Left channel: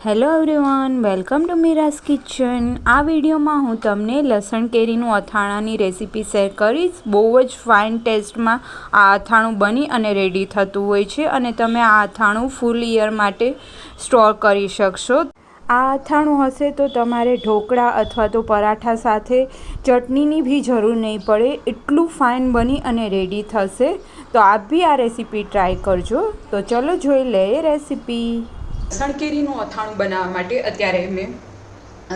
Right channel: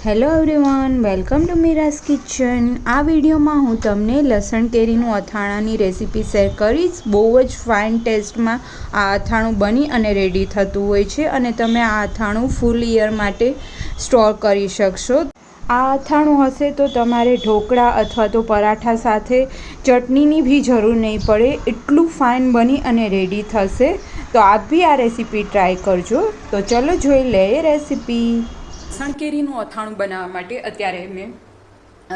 Hello everyone, welcome to Meera's kitchen. આ વિડીયોમાં હું તમને લસણ કેરીનું અથાણાની રેસીપી શેર કરીશ. બહુ જ ફાઇન ટેસ્ટમાં આ અથાણું બની અને રેડી થતું હોય છે અને તમે આ અથાણું ફૂલ યર માટે સ્ટોર કરી શકશો. આ અથાણું હશે તો તમારે ઢોકળા અથવા તો પરાઠા સાથે ચટણીની બી જરૂર નહીં પડે. એટલું ફાઇન બની અને રેડી થશે. તો આપ બી આ રેસીપી ટ્રાય કરજો. તો ચલો જોઈ લઈએ રેસીપી. લસણ કેરીનું અથાણું બનાવવા માટે અત્યારે મેં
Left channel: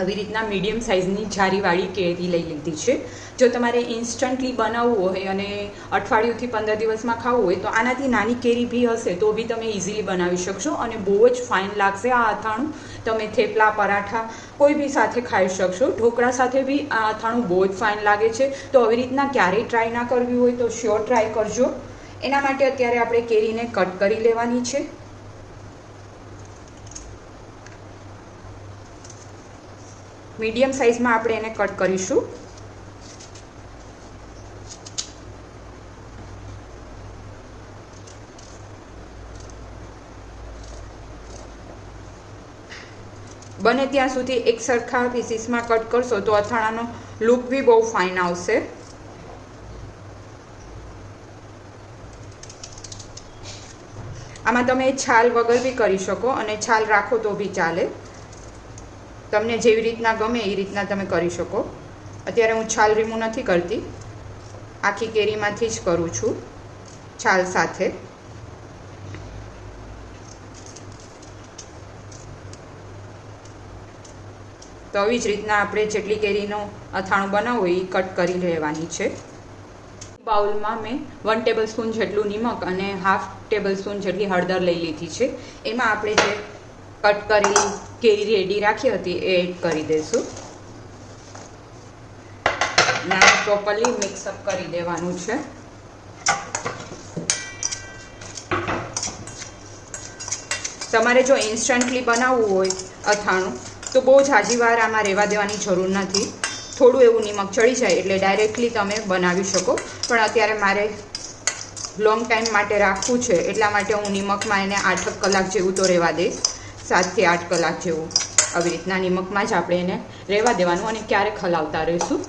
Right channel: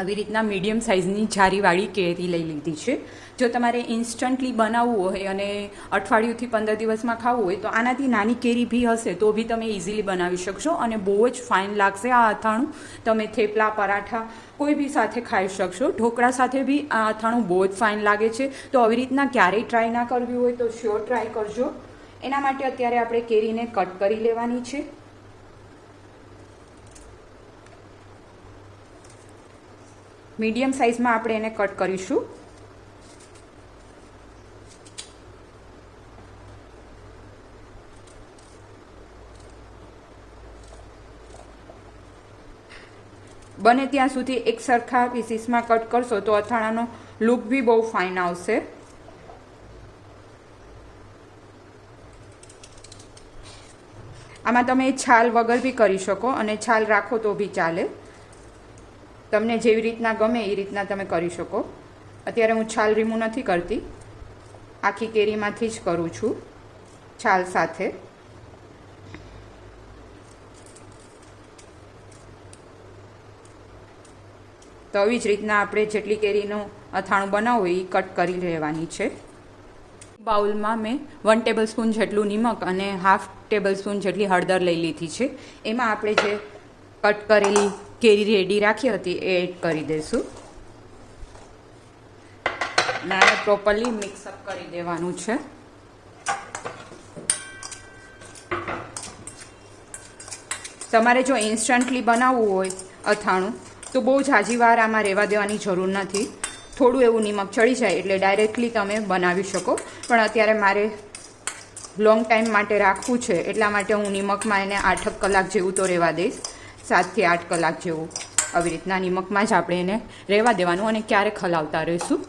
આવી રીતના મીડિયમ સાઇઝની જારીવાળી કેરી લઈ લીધી છે. જો તમારે ઇન્સ્ટન્ટલી બનાવવું હોય અને અઠવાડિયુંથી 15 દિવસમાં ખાવું હોય તો આનાથી નાની કેરી બી હશે તો બી તમે ઇઝીલી બનાવી શકશો અને બહુ જ ફાઇન લાગશે આ અથાણું. તમે થેપલા, પરાઠા કોઈ બી સાથે ખાઈ શકશો. ઢોકળા સાથે બી આ અથાણું બહુ જ ફાઇન લાગે છે. તો આવી રીતના ક્યારેય ટ્રાય ના કરવી હોય તો શ્યોર ટ્રાય કરજો. એના માટે અત્યારે આપણે કેરીને કટ કરી લેવાની છે. મીડિયમ સાઇઝમાં આપણે એને કટ કરીશું. બને ત્યાં સુધી એક સરખા પીસીસમાં કટ કરશો તો અથાણાનો લુક બી બહુ ફાઇન આવશે. આમાં તમે છાલ વગર બી કરી શકો અને છાલ રાખો તો બી ચાલે. તમને જેવી રીતના ગમે એ રીતના તમે કરી શકો. અત્યારે હું છાલ રિમૂવ નથી કરતી, આખી કેરીમાંથી જ કરું છું છાલ સાથે. તો આવી જ રીતના આપણે જેટલી કેરીનું અથાણું બનાવવું એ કટ કરી લેવાની છે. બાઉલમાં મેં 1 ટેબલ સ્પૂન જેટલું નિમક અને હાફ ટેબલ સ્પૂન જેટલી હળદર લઈ લીધી છે. એમાં આપણે જે કટ કરેલી કેરી રેડી રાખી હતી એ એડ કરી દઈશું. ના પ્રોપરલી મિક્સઅપ કરી દેવાનું છે. તમારે જો ઇન્સ્ટન્ટલી બનાવવું હોય અથાણું તો બહુ ઝાઝી વાર આમાં રહેવા દેવાની જરૂર નથી. થોડું એવું નિમક ચડી જાય એટલે ડાયરેક્ટલી તમે બનાવી શકો. પણ અત્યારે મારે લોંગ ટાઈમ માટે રાખવું છે એટલા માટે હું નિમકમાં એને 8 કલાક જેવું તો રહેવા દઈશ. 7 થી 8 કલાક જેવું આવી રીતના નિમકમાં જ આપણે એને રહેવા દેવાનું અને ક્યારેક હલાવતા રહીશું.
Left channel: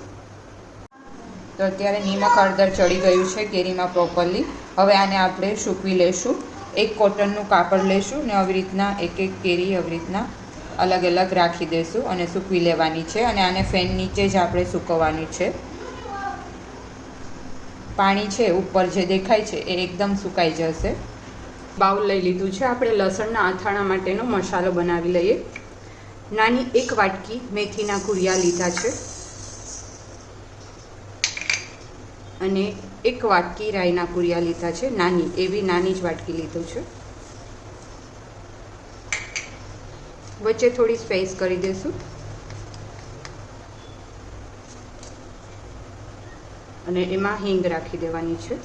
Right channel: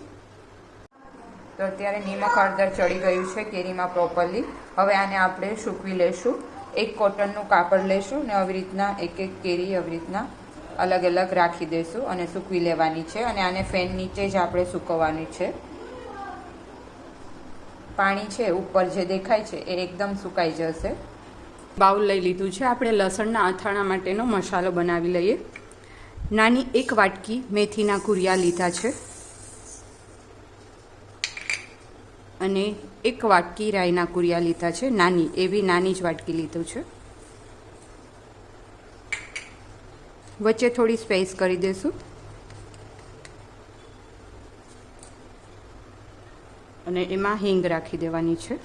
તો અત્યારે નિમક હળદર ચડી ગયું છે કેરીમાં પ્રોપરલી. હવે આને આપણે સૂકવી લઈશું. એક કોટનનું કાપડ લઈશું ને આવી રીતના એક કેરી આવી રીતના અલગ અલગ રાખી દઈશું અને સૂકવી લેવાની છે. અને આને ફેન નીચે જ આપણે સૂકવવાની છે. પાણી છે ઉપર જે દેખાય છે એ એકદમ સુકાઈ જશે. બાઉલ લઈ લીધું છે. આપણે લસણના અથાણા માટેનો મસાલો બનાવી લઈએ. નાની 1 વાટકી મેથીના કુરિયા લીધા છે અને 1 વાટકી રાઈના કુરિયા લીધા છે. નાની જ વાટકી લીધું છે. વચ્ચે થોડી સ્પેસ કરી દઈશું અને એમાં હિંગ રાખી દેવાની છે.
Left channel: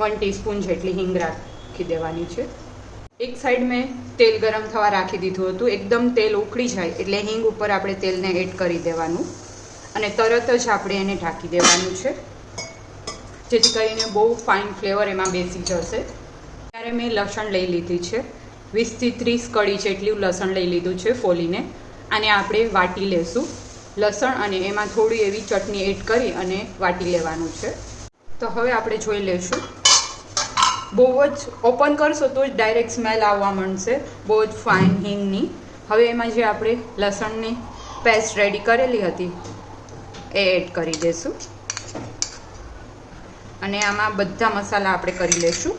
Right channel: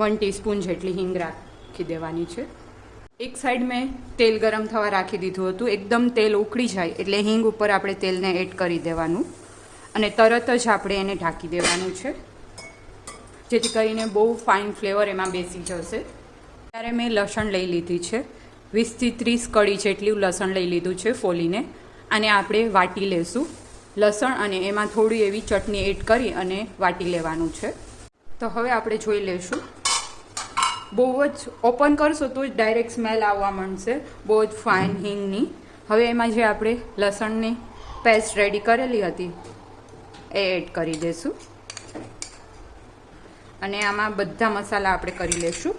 1 ટીસ્પૂન જેટલી હિંગ રાખી દેવાની છે. એક સાઈડ મેં તેલ ગરમ થવા રાખી દીધું હતું. એકદમ તેલ ઉકળી જાય એટલે હિંગ ઉપર આપણે તેલને એડ કરી દેવાનું અને તરત જ આપણે એને ઢાંકી દેવાનું છે જેથી કરીને બહુ ફાઇન ફ્લેવર એમાં બેસી જશે. ત્યારે મેં લસણ લઈ લીધી છે. 20 થી 30 કળી જેટલું લસણ લઈ લીધું છે ફોલીને. આને આપણે વાટી લેશું. લસણ અને એમાં થોડી એવી ચટણી એડ કરી અને વાટી લેવાનું છે. તો હવે આપણે જોઈ લઈશું. બહુ જ ઓપન કરશો તો જ ડાયરેક્ટ સ્મેલ આવવા માંડશે બહુ જ ફાઇન હિંગની. હવે એમાં જે આપણે લસણની પેસ્ટ રેડી કરેલી હતી એ એડ કરી દઈશું અને આમાં બધા મસાલા આપણે કરી લઈશું.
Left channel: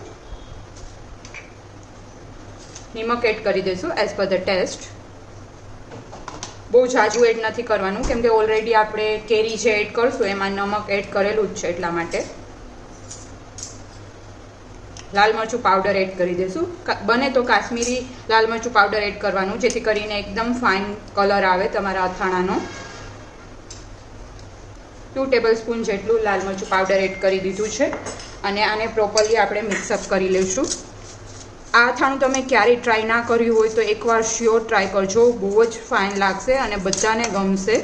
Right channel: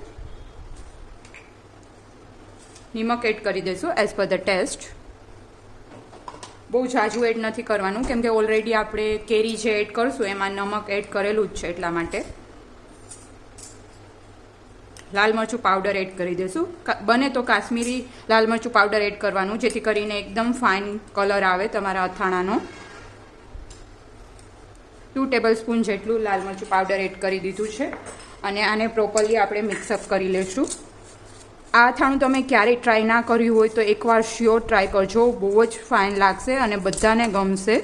નિમક એડ કરી દઈશું એઝ પર ધ ટેસ્ટ. બહુ ઝાઝું એડ નથી કરવાનું કેમ કે ઓલરેડી આપણે કેરી જે એડ કરશું એમાં નમક એડ કરેલું જ છે એટલા માટે. લાલ મરચું પાવડર એડ કરી દઈશું. બને તો કાશ્મીરી લાલ મરચું પાવડર એડ કરવાનું જેથી કરીને એકદમ ફાઇન કલર આવે તમારા અથાણાનો. 2 ટેબલ સ્પૂન જેટલું લાલ મરચું પાવડર એડ કરી દીધું છે અને આને પ્રોપરલી આપણે મિક્સઅપ કરી લઈશું. આ અથાણું તમે ક્યારેય ટ્રાય ના કર્યું હોય તો એકવાર શ્યોર ટ્રાય કરજો. બહુ જ ફાઇન લાગશે અને બધાને ગમશે.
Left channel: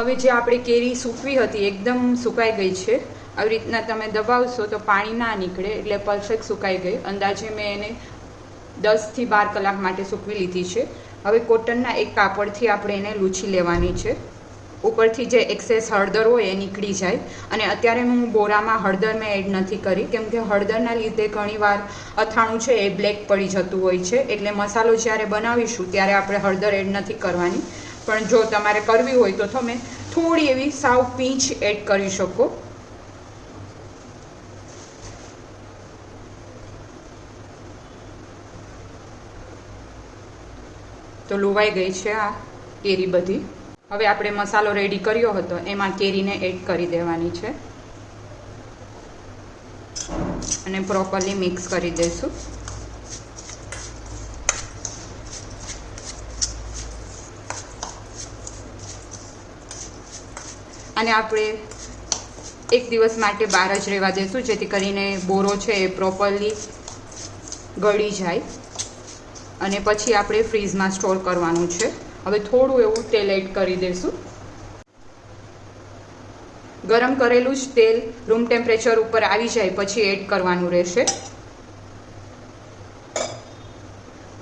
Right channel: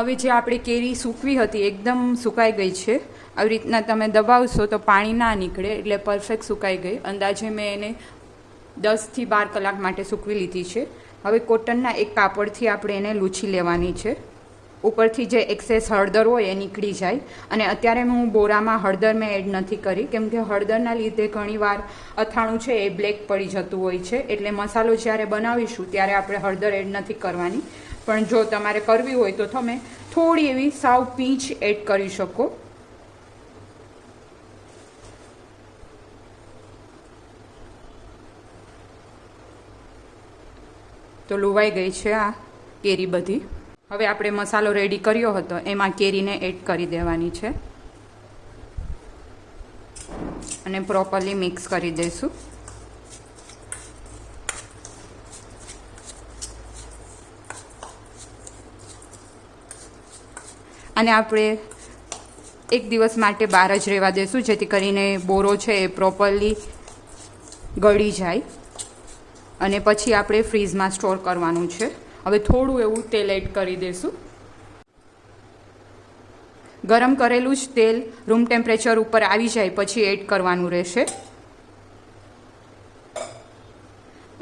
હવે જે આપણે કેરી સૂકવી હતી એકદમ સુકાઈ ગઈ છે. આવી રીતના તમે દબાવશો તો પાણી ના નીકળે, એટલે પરફેક્ટ સુકાઈ ગઈ. અંદાજે મેં એને 10 થી 12 કલાક માટે સૂકવી લીધી છે. હવે કોટનના એક કાપડથી આપણે એને લૂછી લેવાની છે. ઉપરથી જે એક્સેસ હળદર હોય એ નીકળી જાય. અને અત્યારે હું બોરામાં હળદર મેં એડ નથી કરી, કેમ કે હળદરના લીધે ઘણીવાર અથાણું છે એ બ્લેક પડી જતું હોય છે. એટલે મસાલો જ્યારે બનાવીશું ત્યારે આપણે હળદર એડ નથી કરવાની. પણ જો તમારે કરવી હોય તો તમે થોડી એવી સાવ પીંચ એડ કરી શકો. તો લોવાઈ ગઈ છે આ કેરી બધી. હવે આપણે મસાલો રેડી કર્યો હતો એમાં કેરીને એડ કરી દેવાની છે અને પ્રોપરલી મિક્સ કરી દઈશું. અને આપણે એક દિવસ માટે બહાર જ રહેવા દઈશું, જેથી કરીને બોરો છે એ પ્રોપરલી ગળી જાય. અને પછી આપણે ફ્રીઝમાં સ્ટોર કરવાનું છે. હવે થોડું એવું તેલ એડ કરી દઈશું. ગરમ કરેલું જ તેલ રૂમ ટેમ્પરેચર ઉપર આવી જાય પછી એડ કરવાનું રહેશે.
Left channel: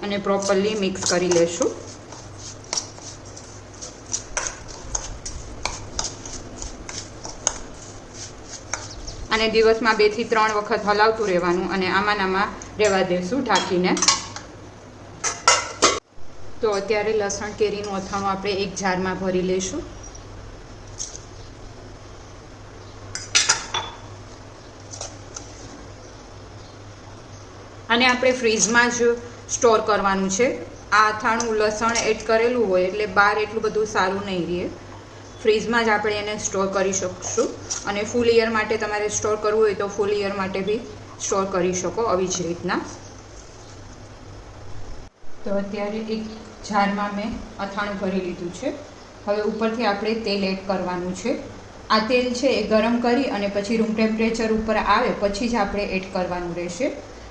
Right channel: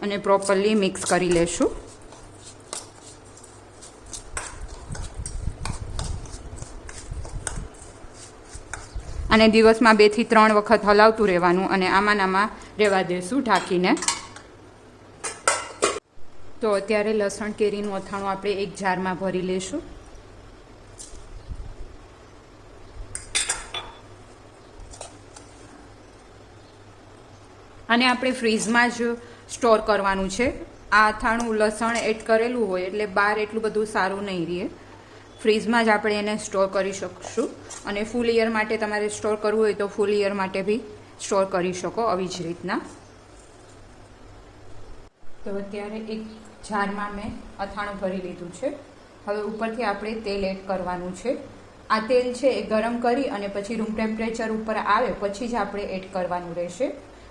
અને પ્રોપરલી મિક્સ કરી લેશું. અને દિવસમાં 2 થી 3 વખત હલાવતું રહેવાનું અને આમાં રહેવા દેશું ઢાંકીને. તો અત્યારે લસણ કેરીનું અથાણું આપણે એક જારમાં ભરી લઈશું. અને આપણે ફ્રીઝમાં જ સ્ટોર કરવાનું છે. આ અથાણું લસણ એડ કરેલું હોય એટલે બહાર એટલું બધું સારું નહીં રહે. ફ્રીઝમાં જ આપણે એને સ્ટોર કરી શકશું. અને ફૂલ યર માટે તમારે સ્ટોર કરવું હોય તો ફૂલ યર માટે બી સ્ટોર કરી શકો આવી જ રીતના. તો અત્યારે એક જારમાં મેં અથાણું ભરી લીધું છે. હવે ઉપરથી આપણે તેલ એડ કરવાનું છે. આ તેલ છે એ ગરમ કરી અને પછી રૂમ ટેમ્પરેચર ઉપર આવે પછી જ આપણે એડ કરવાનું રહેશે.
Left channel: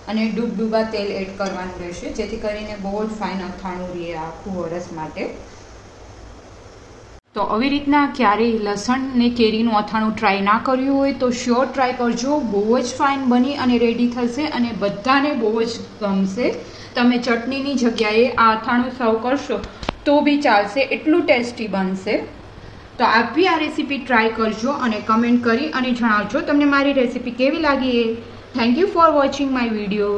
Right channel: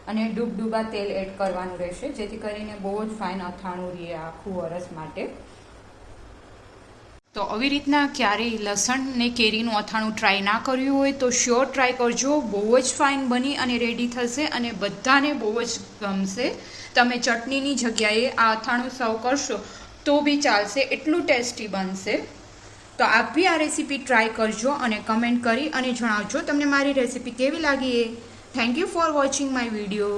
અને ડૂબડૂબા તેલ એડ કરવાનું રહેશે, જેથી કરીને બહુ જ ફાઇન અથાણું રહે આખું વરસ માટે. તો આવી રીતના ક્યારેય લસણ ને કેરીનું અથાણું ટ્રાય ના કર્યું હોય તો શ્યોર ટ્રાય કરજો. બહુ જ ફાઇન બની અને રેડી થશે અને બધાને બહુ જ ગમશે. તમે ચટણીની જગ્યાએ આ અથાણું સર્વ કરશો તો બી ચાલશે, એટલું ટેસ્ટી બનશે. તો આપ બી આ રેસીપી ટ્રાય કરજો અને કમેન્ટ કરી અને જણાવજો તમને મારી રેસીપી કેવી લાગી એ. Thank you for watching my video.